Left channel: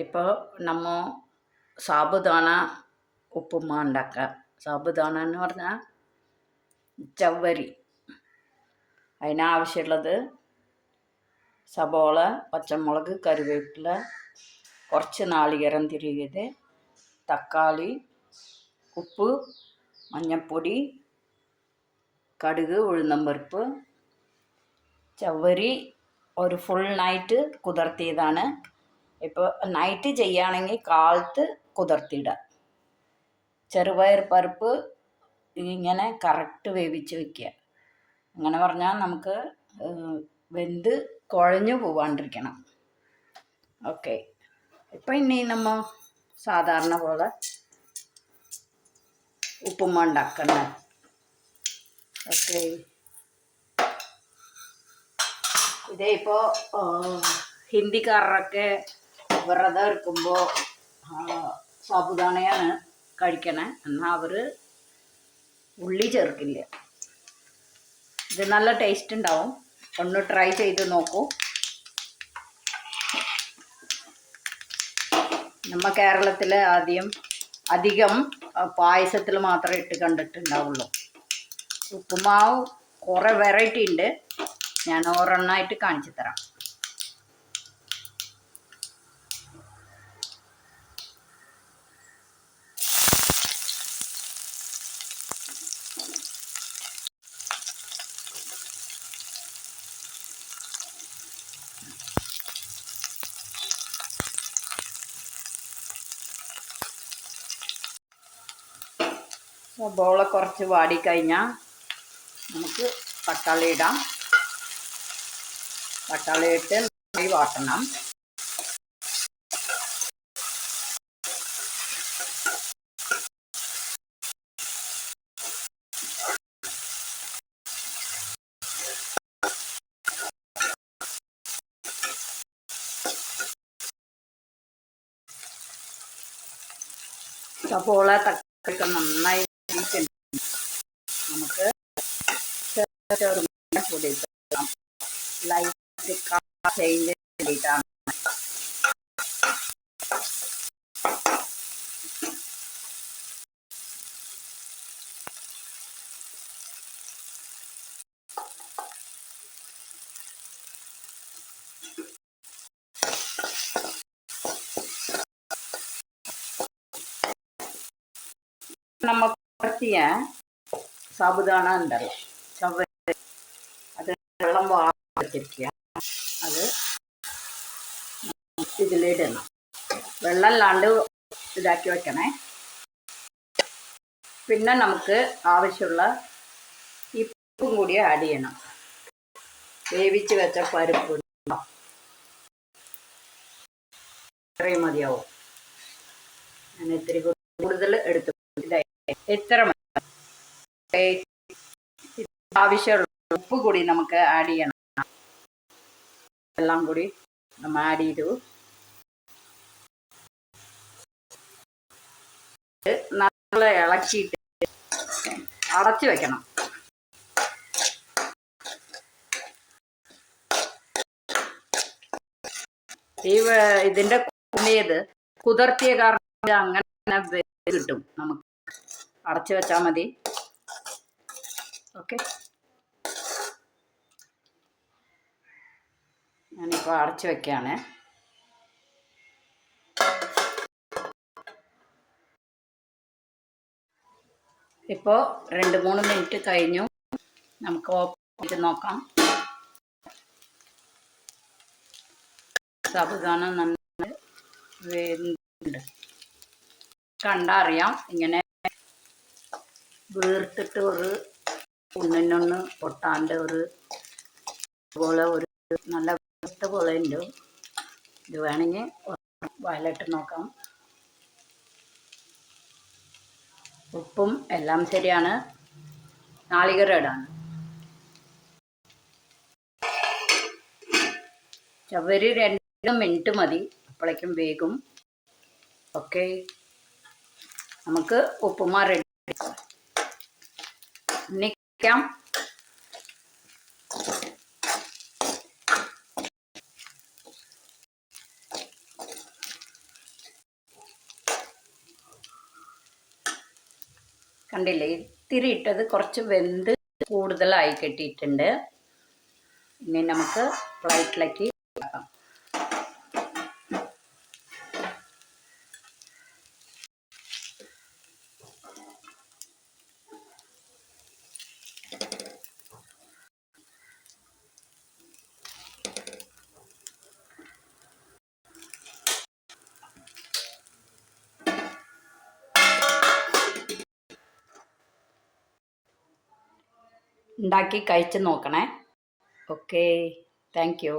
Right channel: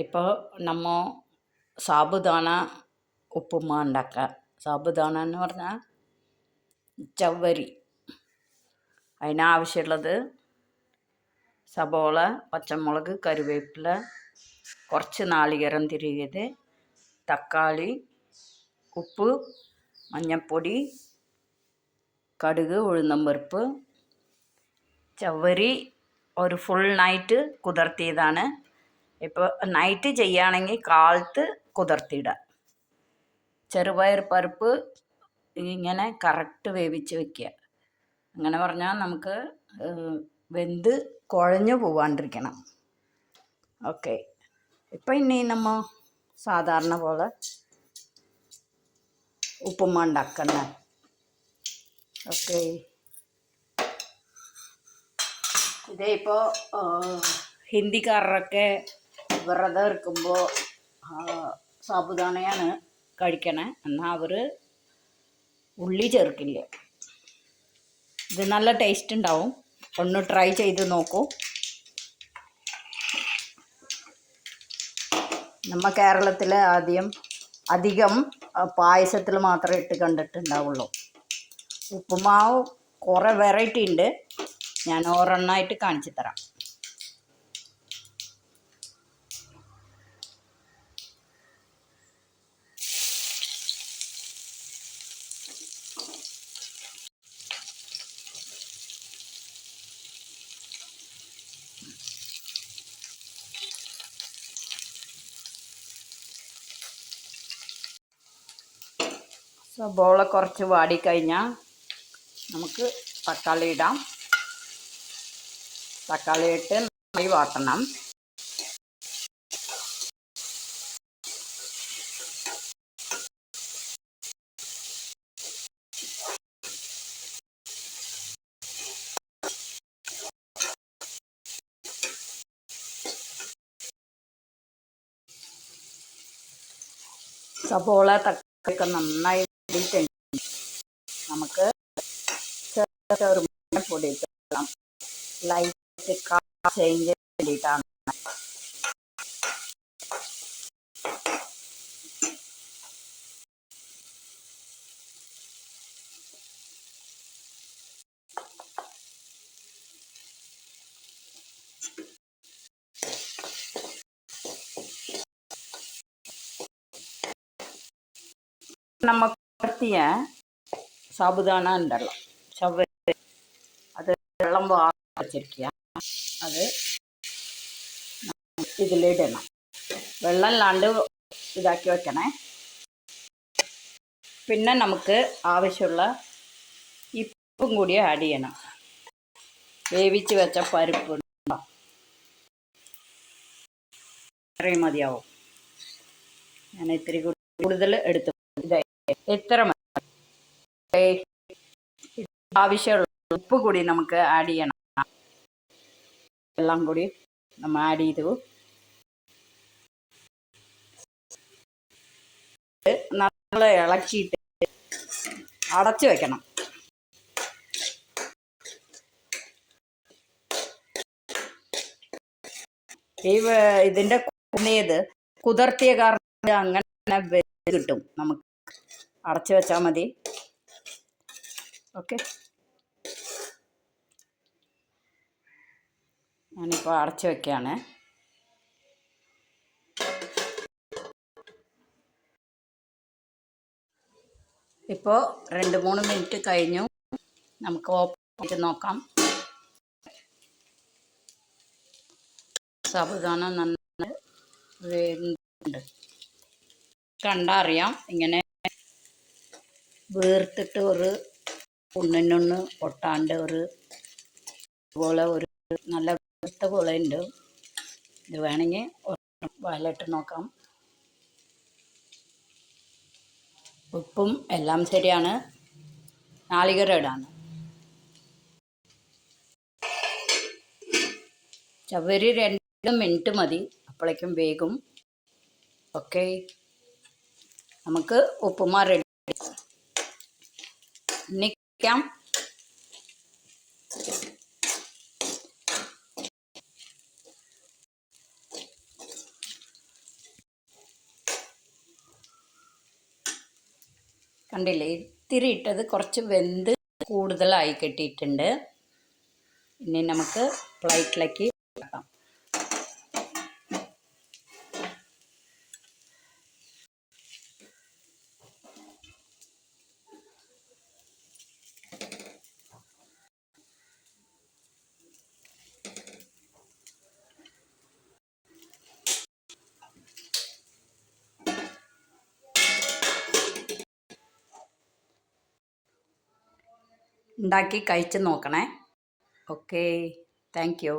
ഇപ്പോൾ നമ്മ സാബുദാന ഉപ്പുമാ ഉണ്ടാക്കുക. സാബുദാന എന്ന് പറഞ്ഞാൽ ചവ്വരി. അതിനാവശ്യമുള്ളത് സബോള, പച്ചമുളക്, കറിവേപ്പില, കുറച്ച് നാളികേരം തിരികിയത്, തക്കാളി, ഉപ്പ്, മഞ്ഞൾപ്പൊടി, കടുക്, ഉഴുന്നമ്പരിപ്പ്. ചവ്വരി ഒരു ഫുൾ നൈറ്റ് കുതിർത്തിയതാണ്. ഇപ്പോൾ നൈറ്റ് ചെയ്യുകയാണെങ്കിൽ കാലത്ത് കുതിർത്തിയിടുക. ചെറുപയർ പരിപ്പ് ഇങ്ങനെ കറക്റ്റ് വേവിച്ച് വയ്ക്കുക. അങ്ങനെ പറഞ്ഞാൽ നമുക്ക് വെന്ത് കുഴഞ്ഞു പോവാണ്ടിരിക്കണം. ഓക്കെ, ഇപ്പം ഇനി നമ്മൾ സാധാരണ പോലെ ഉപ്പുമാ ഉണ്ടാക്കണം. ഓക്കെ, ഇതേ ഇപ്പോൾ ഹിന്ദിക്കാരൊക്കെ വ്രതം എടുക്കുമ്പോൾ സാബുദാനയാണ് കഴിക്കണേ. എന്നാൽ അവർ ഉള്ളി ചേർക്കില്ല. ഇത് നല്ല ടേസ്റ്റ് ഉണ്ടാവും. ഒന്ന് ട്രൈ ചെയ്ത് നോക്കൂ. നമ്മ കേരളത്തിൽ അധികം പായസത്തിൽ മാത്രമേ ഇട്ട് കണ്ടിട്ടുണ്ടാവുള്ളൂ. ഉപ്പുമാവ് കുറേ വെറൈറ്റി ഉണ്ട്. ഞാൻ ഒരെണ്ണമായിട്ട് കാണിച്ചു തരാം. സബോള കുറച്ച് വാടിക്കഴിഞ്ഞാൽ നമുക്ക് തക്കാളി ഇടാം. തക്കാളി ഇട്ട് വാട്ടണം. സബോള തക്കാളി നന്നായി നമുക്ക് പൊടി ഇടാം. ലൈറ്റ് ചേഞ്ച് ചെയ്തിട്ടാണ്. നമ്മൾ പരത്തിയ സാബുദാന ഉണ്ടല്ലോ, ചവ്വരി, അത് വെള്ളം വെച്ചിരിക്കുക. അത് ഇതിലിടണം. വെള്ളം ഇല്ലാണ്ട് ഇതാക്കി വെക്കണേ. പിന്നെ നമുക്ക് ആവശ്യമുള്ള ഉപ്പും കൂടി ആഡ് ചെയ്യണം. വേവിച്ച് വെച്ച പരിപ്പ് ഇത്രയും മതിയാവും. ഞാൻ ഇത്തിരി കൂടുതൽ എടുത്തു. എത്ര ആവശ്യമുള്ള ഉപ്പ് കൂടി നമുക്ക് ആഡ് ചെയ്യണം. എല്ലാം കൂടി നമ്മൾ ആഡ് ചെയ്തു നല്ല ഇളക്കിയിട്ട് അടച്ചു വെക്കണം. ഇതിൻ്റെ കുതിർത്തിയ കാരണം അങ്ങനെ കിട്ടും. നമുക്ക് അടച്ചു വെച്ചാൽ മതി. ഓക്കെ, ഞാനിപ്പോൾ അടച്ചു വെക്കുകയാണ്. ഇപ്പോൾ 2-3 മിനിറ്റ് കഴിഞ്ഞു. നമുക്ക് ഓപ്പൺ ചെയ്ത് നോക്കാം. സാബുദാന നന്നായി വേവുന്നുണ്ട്. കണ്ടറിയാം. ഇങ്ങനെ വേർത്തിട്ട് ഒരു ഒന്നിനൊന്ന് പൊട്ടാൻ്റെ പോലെ ഒരു നല്ല വേർത്ത പോലെ ഉണ്ട്. ഇത് വേണമെങ്കിൽ വയലിട്ട് നോക്കാം. ഉപ്പും എല്ലാം ശരിയാണ്. നാളികേരം ഇടാണ്. ചവ്വരി 2 മിനിറ്റ് മതി, അപ്പോഴേക്കും വേഗം. ഓക്കെ, നമുക്ക് ഉപ്പുമാ റെഡി. നിൽക്കാം. കണ്ടില്ലേ, ഇത്തിരി ഇട്ടത് കുറച്ച് വെന്ത് കൂടുതലായി കിട്ടിയിട്ടുണ്ട്. ഇനി നമുക്ക് പ്ലേറ്റിലേക്ക് വെക്കാം. ഉണ്ടാക്കി കഴിച്ച് നോക്കണേ. Okay, thank you.